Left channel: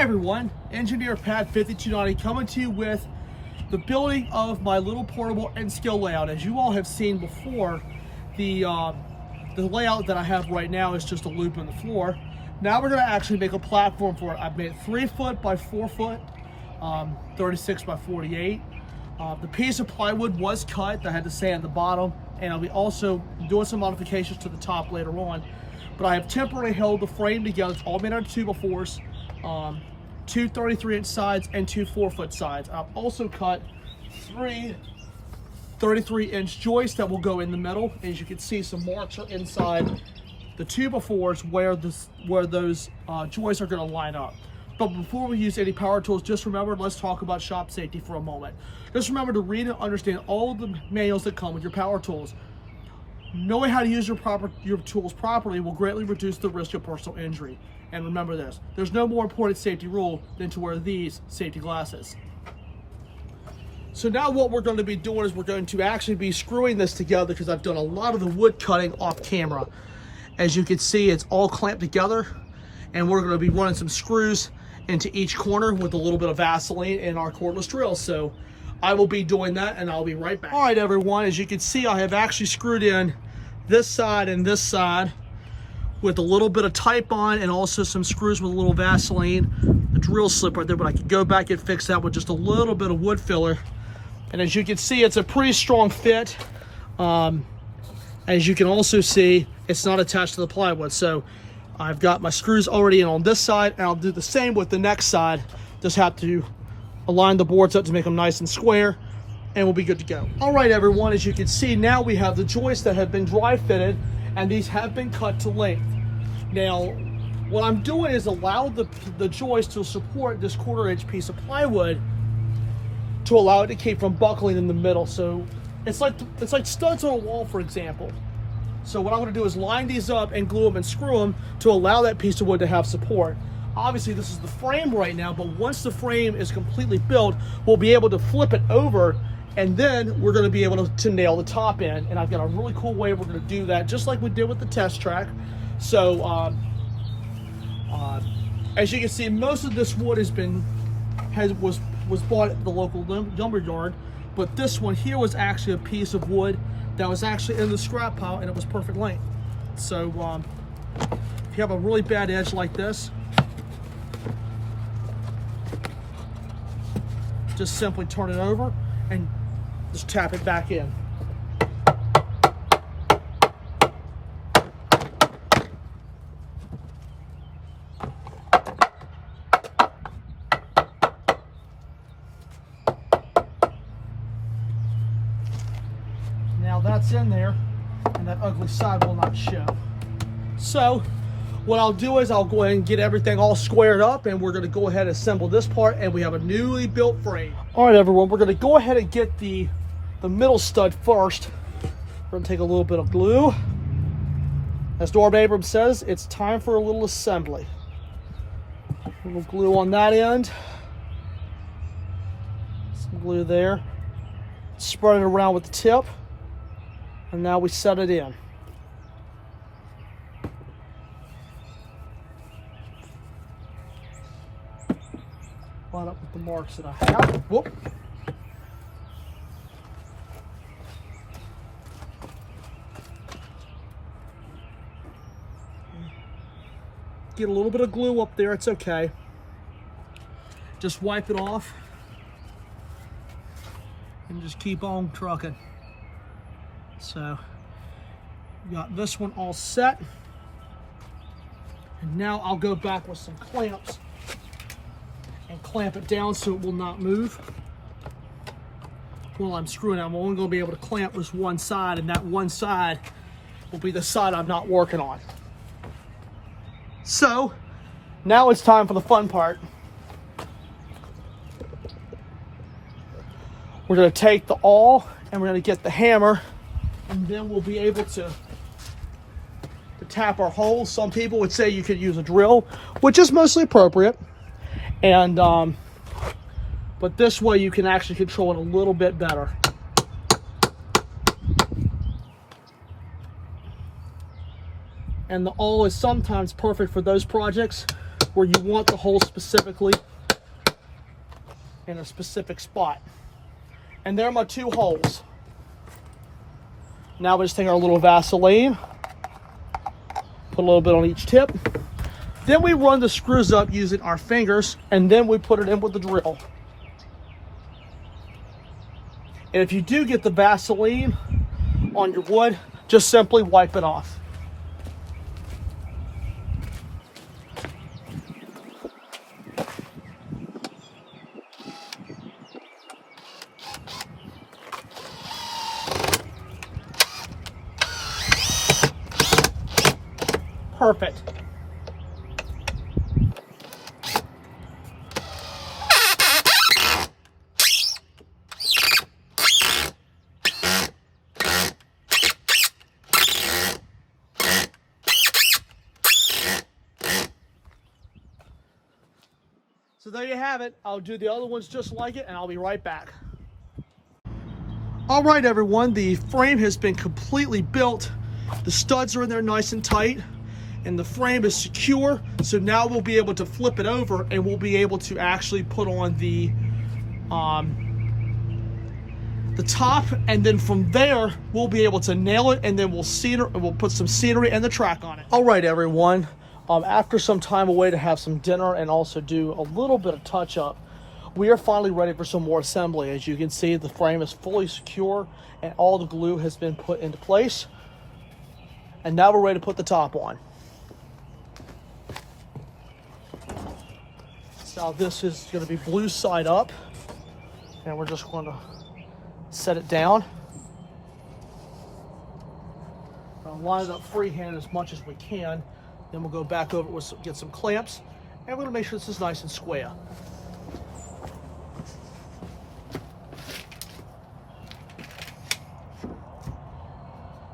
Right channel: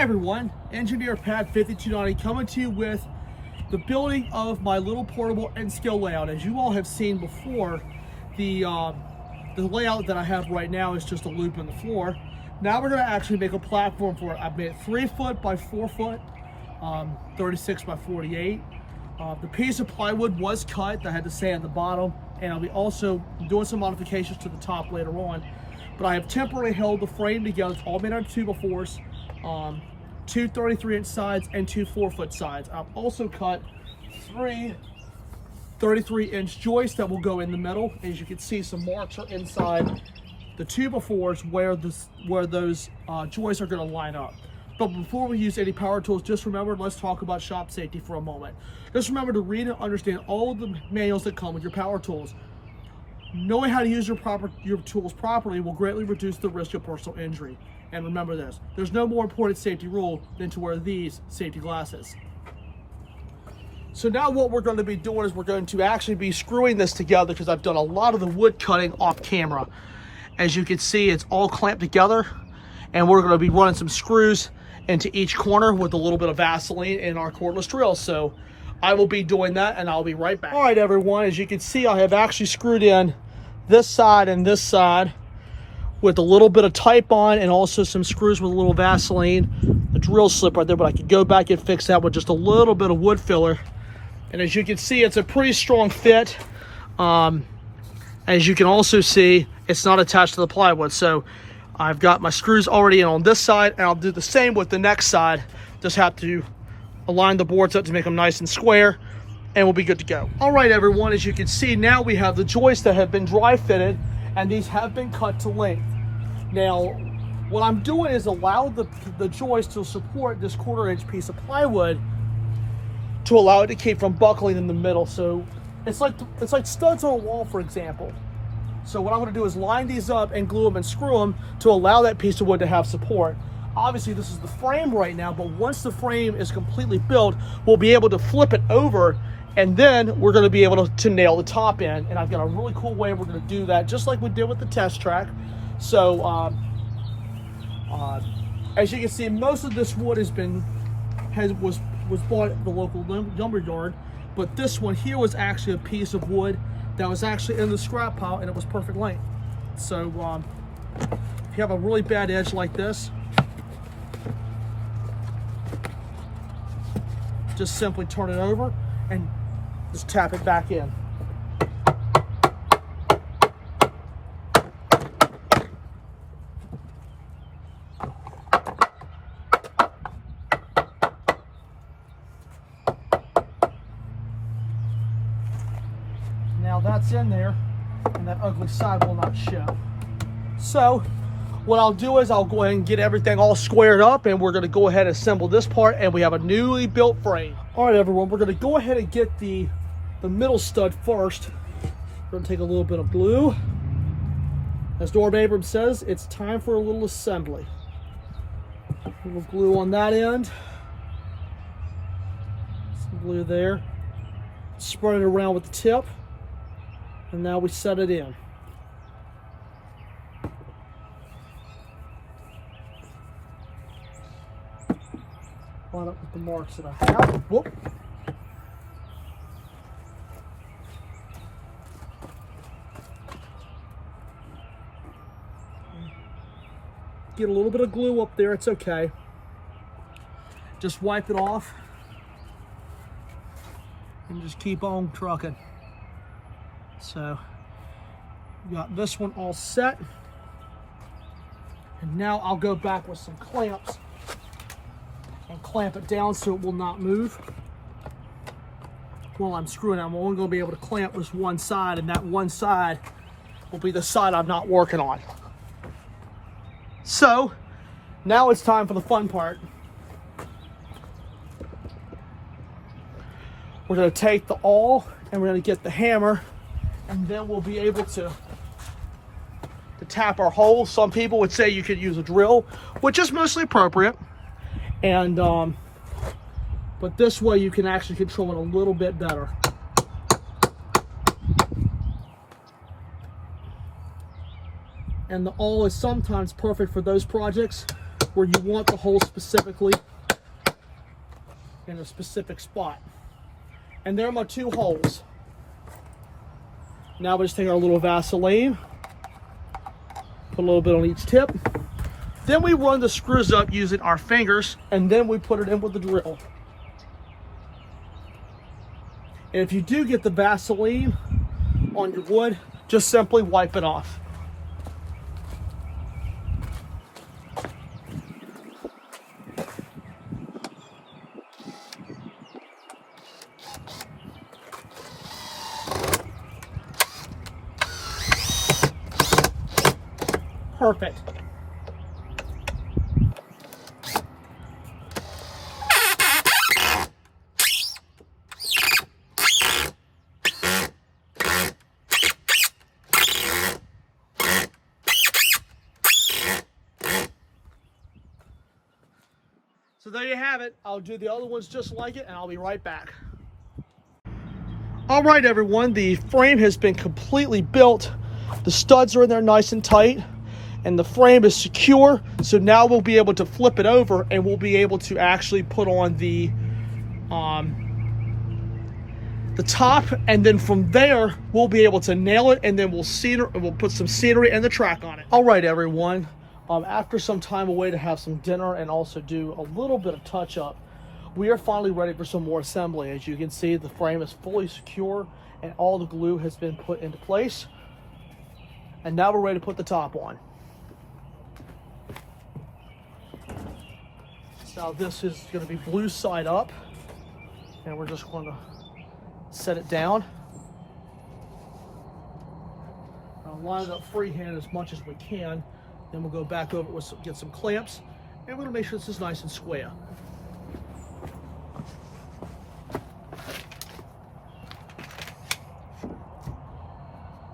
Hi everyone, Engineer Pat 5290 coming to you with the building of my little portable N-scale layout. As you all have seen before, the layout that I have right now is just a loop in the floor. Now we're going to actually make a platform for it. I've made it 3 foot by 4 foot, 36 by 48. The piece of plywood was cut that I had to sand the bottom, and I'll be also doing some modifications to the top later on. But I have temporarily held the frame together. It's all made out of 2x4s, 2 33-inch sides and 2 4-foot sides. I've also cut 3 33-inch joists that will go in the middle. As you can see, some marks are inside the 2x4s where those joists are going to line up. But before we use any power tools, just remember, let's talk about shop safety for a moment. Just remember to read and understand all the manuals that come with your power tools. Knowing how to use your tools properly will greatly reduce the risk of personal injury. And remember this, there's no more important safety rule than to wear these safety glasses. So now what we're going to be doing is we're going to actually be screwing this together, because I've done a lot of the wood cutting off camera. As you can see, it's all clamped together, and we're going to be running some screws into each corner with a little bit of Vaseline and our cordless drill. So I will be doing that, and I'll be right back. All right, everyone, as you can see, I have actually screwed in this side and this side with a little bit of Titebond and also some screws with a little Vaseline. A drill slip right there, but I could go back and fix that with just a little bit of wood filler. And as you can see, it's a pretty strong fit. As you can also see, it's not attached to the plywood. So I've got my screws already in on this side, and I'll do the same with the next side. Just have to align the boards up to make them nice and square, and we'll be good to go. All right, everyone, as you can see, now we have the joists that have been dry fitted, and these have been cut to length. Now, what I'm doing is allow the joist to support this 1/4 inch piece of plywood to allow it to keep from buckling in the middle. So it's like studs on a wall, for example. So what I'm going to do is line these up and glue them and screw them to allow that piece of wood to have support. Obviously, this is the frame right now, but once the frame is completely built, we'll be able to flip it over, and then we're going to be able to nail the top in. And I've got a really cool way we're going to do that, just like we did with the test track. So as you can see, most of this wood was bought at the local lumber yard, but this one here was actually a piece of wood that was actually in the scrap pile, and it was perfect length. So if you have a really bad edge like this, just simply turn it over and just tap it back in. Now that's in there, and that ugly side will not show. So what I'll do is I'll go ahead and get everything all squared up, and we're going to go ahead and assemble this part, and we have a newly built frame. All right, everyone, we're going to go ahead and get the middle stud first. We're going to take a little bit of glue. As Norm Abrams says, it's time for a little assembly. A little glue on that end. Some glue there. Spread it around with the tip. And now we set it in. Line up with the marks that I have. Whoop. Get a little bit of glue up there, it's okay. Just wipe it off and just keep on trucking. So, got this one all set. And now I'll go back with some clamps and clamp it down so it will not move. While I'm screwing it, I'm only going to be able to clamp this one side, and that one side will be the side I'm not working on. So, now it's time for the fun part. We're going to take the awl and we're going to get the hammer, and then we'll be able to tap our holes. Some people would say you could use a drill, which is mostly appropriate. And but this way you can actually control it a little bit better. And the awl is sometimes perfect for those projects where you want the hole specifically in a specific spot. And there are my 2 holes. Now we just take our little Vaseline, put a little bit on each tip. Then we run the screws up using our fingers, and then we put it in with the drill. And if you do get the Vaseline on your wood, just simply wipe it off. Perfect. So there you have it. I'll do the other ones just like it, and I'll be right back. All right, everyone, the frame has been completely built. The studs are in there nice and tight, and the frame is secure. So now we'll be able to flip it over, and we'll be able to actually put on the top, and then from there we'll be able to nail it, and then we'll put some scenery and the track on it. All right, everyone. After some time away to have some dinner and also do a little bit of touch up, we are finally ready for some more assembly. As you can see, the frame is fully secure and all the glue has been put into place. And now we're ready to put the top on. Now this is going to be blue side up, and we're just going to set it down. Line it up freehand as much as we can. Then we'll go back over with get some clamps, and we're going to make sure this is nice and square.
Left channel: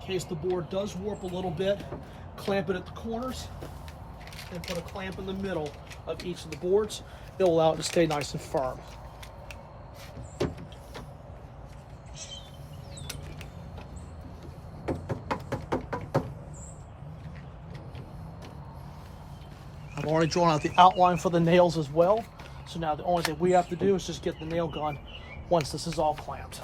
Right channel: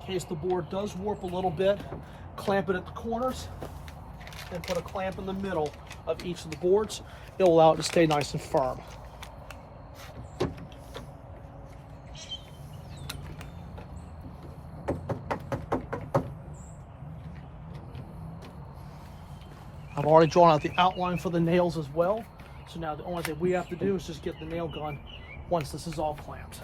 In case the board does warp a little bit, clamp it at the corners and put a clamp in the middle of each of the boards. It'll allow it to stay nice and firm. I've already drawn out the outline for the nails as well. So now the only thing we have to do is just get the nail gun once this is all clamped.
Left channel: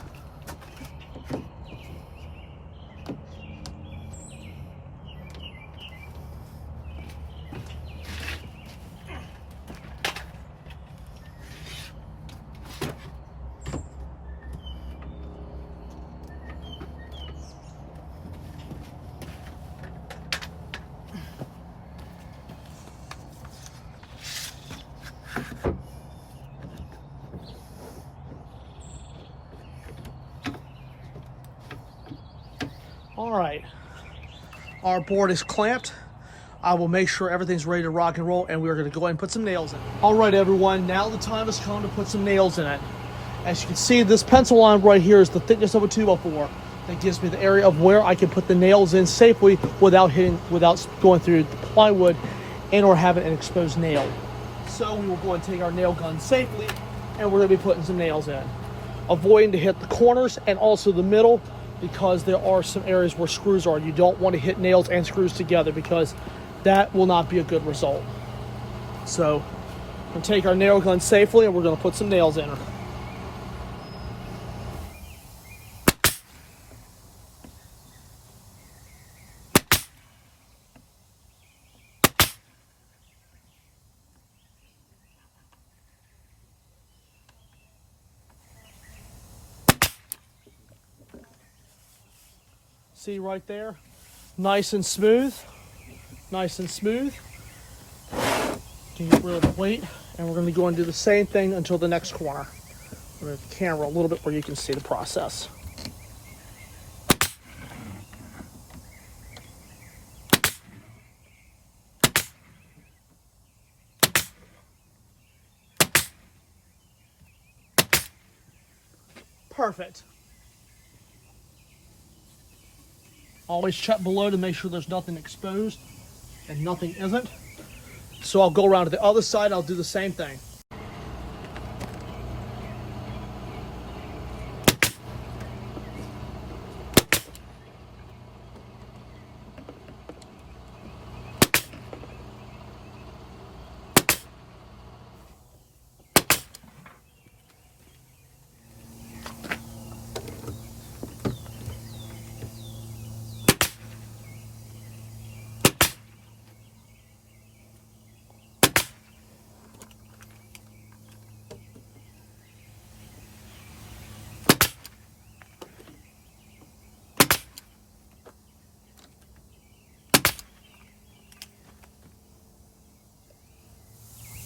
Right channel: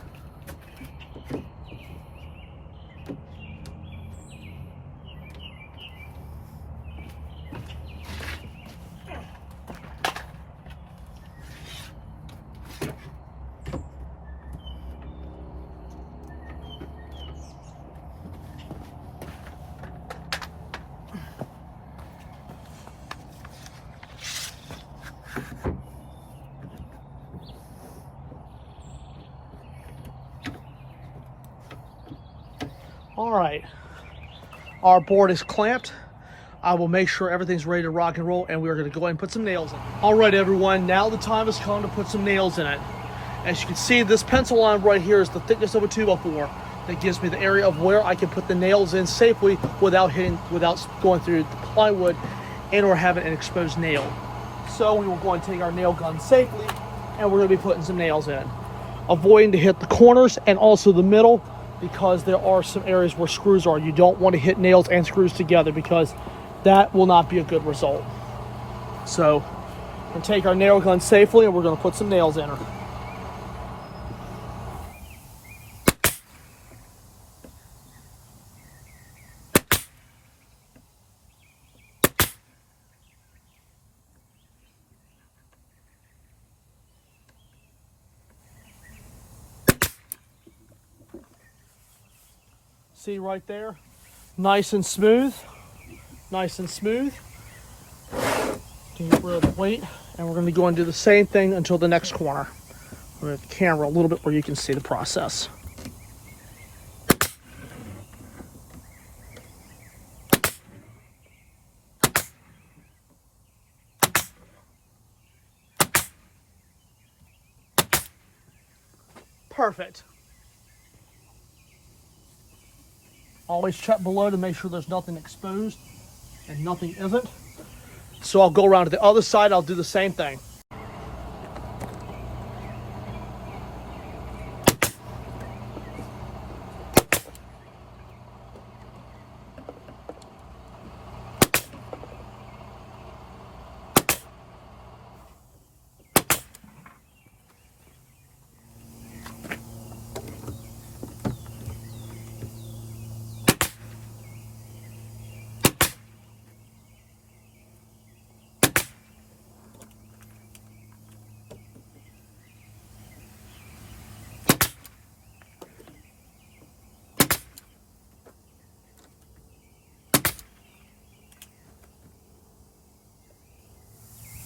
All right, our board is clamped. I will make sure everything's ready to rock and roll, and we're going to go ahead and put some nails in. All right, everyone, now the time has come to put some nails in it. As you can see, this pencil line right here is the thickness of a 2x4. That gives me the area of where I can put the nails in safely without going through the plywood and or having an exposed nail. So we will go and take our nail gun safely, and we're going to be putting some nails in, avoiding to hit the corners and also the middle, because there are some areas where screws are. You don't want to hit nails and screws together because that will not be a good result. So we can take our nail gun safely, and we're going to put some nails in her. See right there? Nice and smooth. Nice and smooth. Get rid of the weight, and we're going to go and do the same thing until the next corner. I'm going to the camera a little bit where you can see the process. Perfect. Always check below to make sure there's nothing exposed, and nothing isn't. So I'll go around to the other side, I'll do the same thing.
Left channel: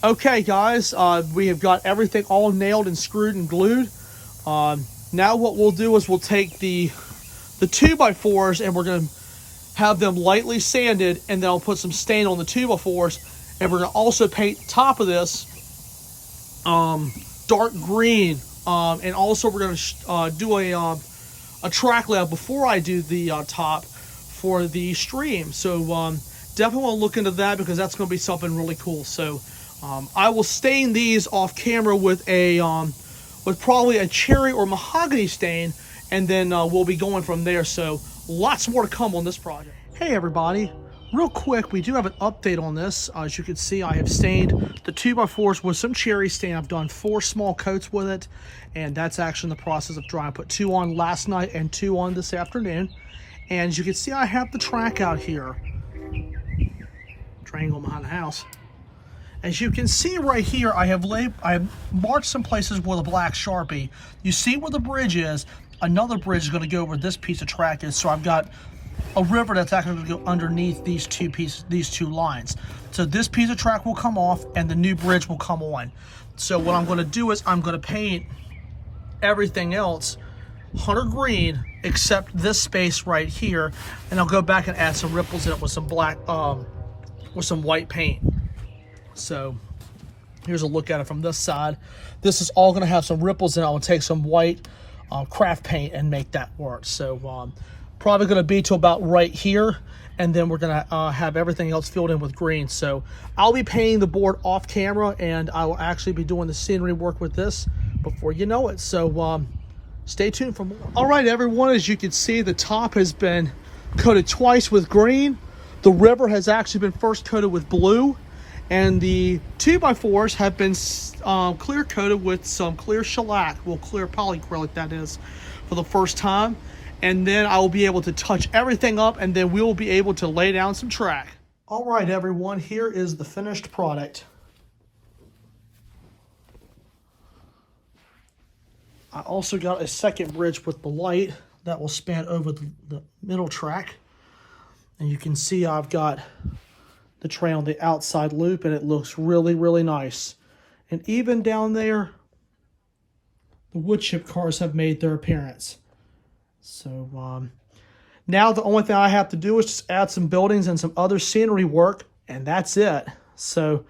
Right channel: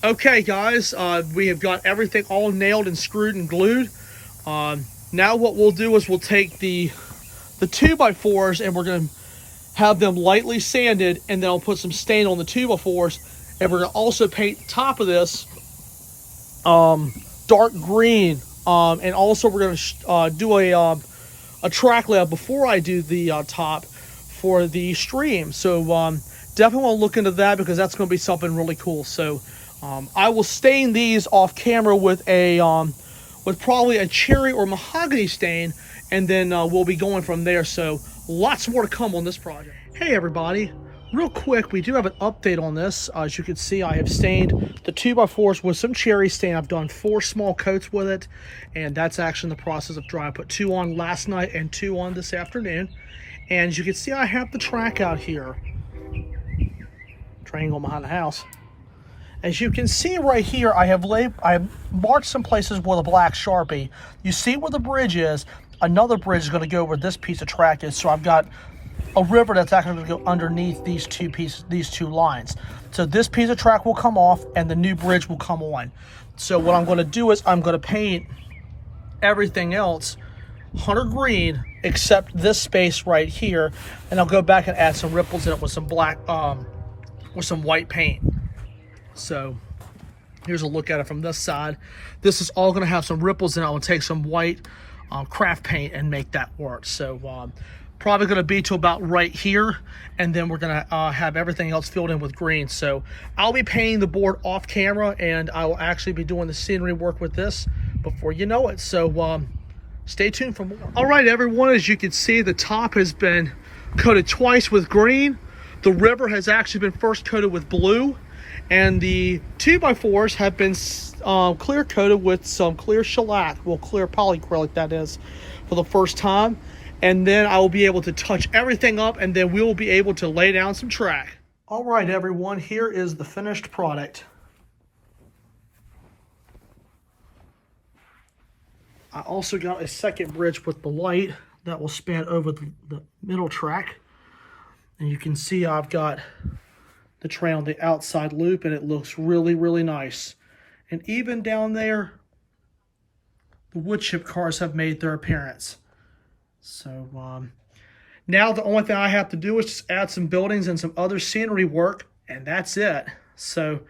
Okay, guys, we have got everything all nailed and screwed and glued. Now what we'll do is we'll take the 2x4s and we're going to have them lightly sanded, and then I'll put some stain on the 2x4s, and we're going to also paint the top of this dark green, and also we're going to do a track layout before I do the top for the stream. So definitely want to look into that, because that's going to be something really cool. So I will stain these off camera with probably a cherry or mahogany stain, and then we'll be going from there. So lots more to come on this project. Hey everybody, real quick, we do have an update on this. As you can see, I have stained the 2x4s with some cherry stain. I've done 4 small coats with it, and that's actually in the process of drying. I put 2 on last night and 2 on this afternoon. And as you can see, I have the track out here. Triangle behind the house. As you can see right here, I have marked some places with a black Sharpie. You see where the bridge is. Another bridge is going to go where this piece of track is. So I've got a river that's actually going to go underneath these two lines. So this piece of track will come off and the new bridge will come on. So what I'm going to do is I'm going to paint everything else hunter green except this space right here, and I'll go back and add some ripples in it with some black with some white paint. So here's a look at it from this side. This is all going to have some ripples in it. I'll take some white craft paint and make that work. So probably going to be to about right here, and then we're going to have everything else filled in with green. So I'll be painting the board off camera, and I will actually be doing the scenery work with this before you know it. So stay tuned for more. All right, everyone, as you can see, the top has been coated twice with green. The river has actually been first coated with blue, and the 2x4s have been clear coated with some clear shellac, well, clear polyacrylic that is, for the first time. And then I will be able to touch everything up, and then we will be able to lay down some track. All right, everyone, here is the finished product. I also got a second bridge with the light that will span over the middle track. And you can see I've got the tray on the outside loop, and it looks really, really nice. And even down there, the wood chip cars have made their appearance. So now the only thing I have to do is just add some buildings and some other scenery work, and that's it. So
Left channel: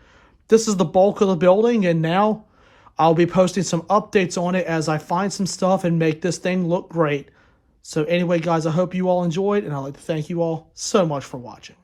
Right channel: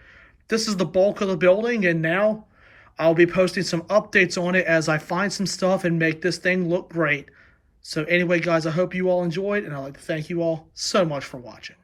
this is the bulk of the building, and now I'll be posting some updates on it as I find some stuff and make this thing look great. So anyway, guys, I hope you all enjoyed, and I'd like to thank you all so much for watching.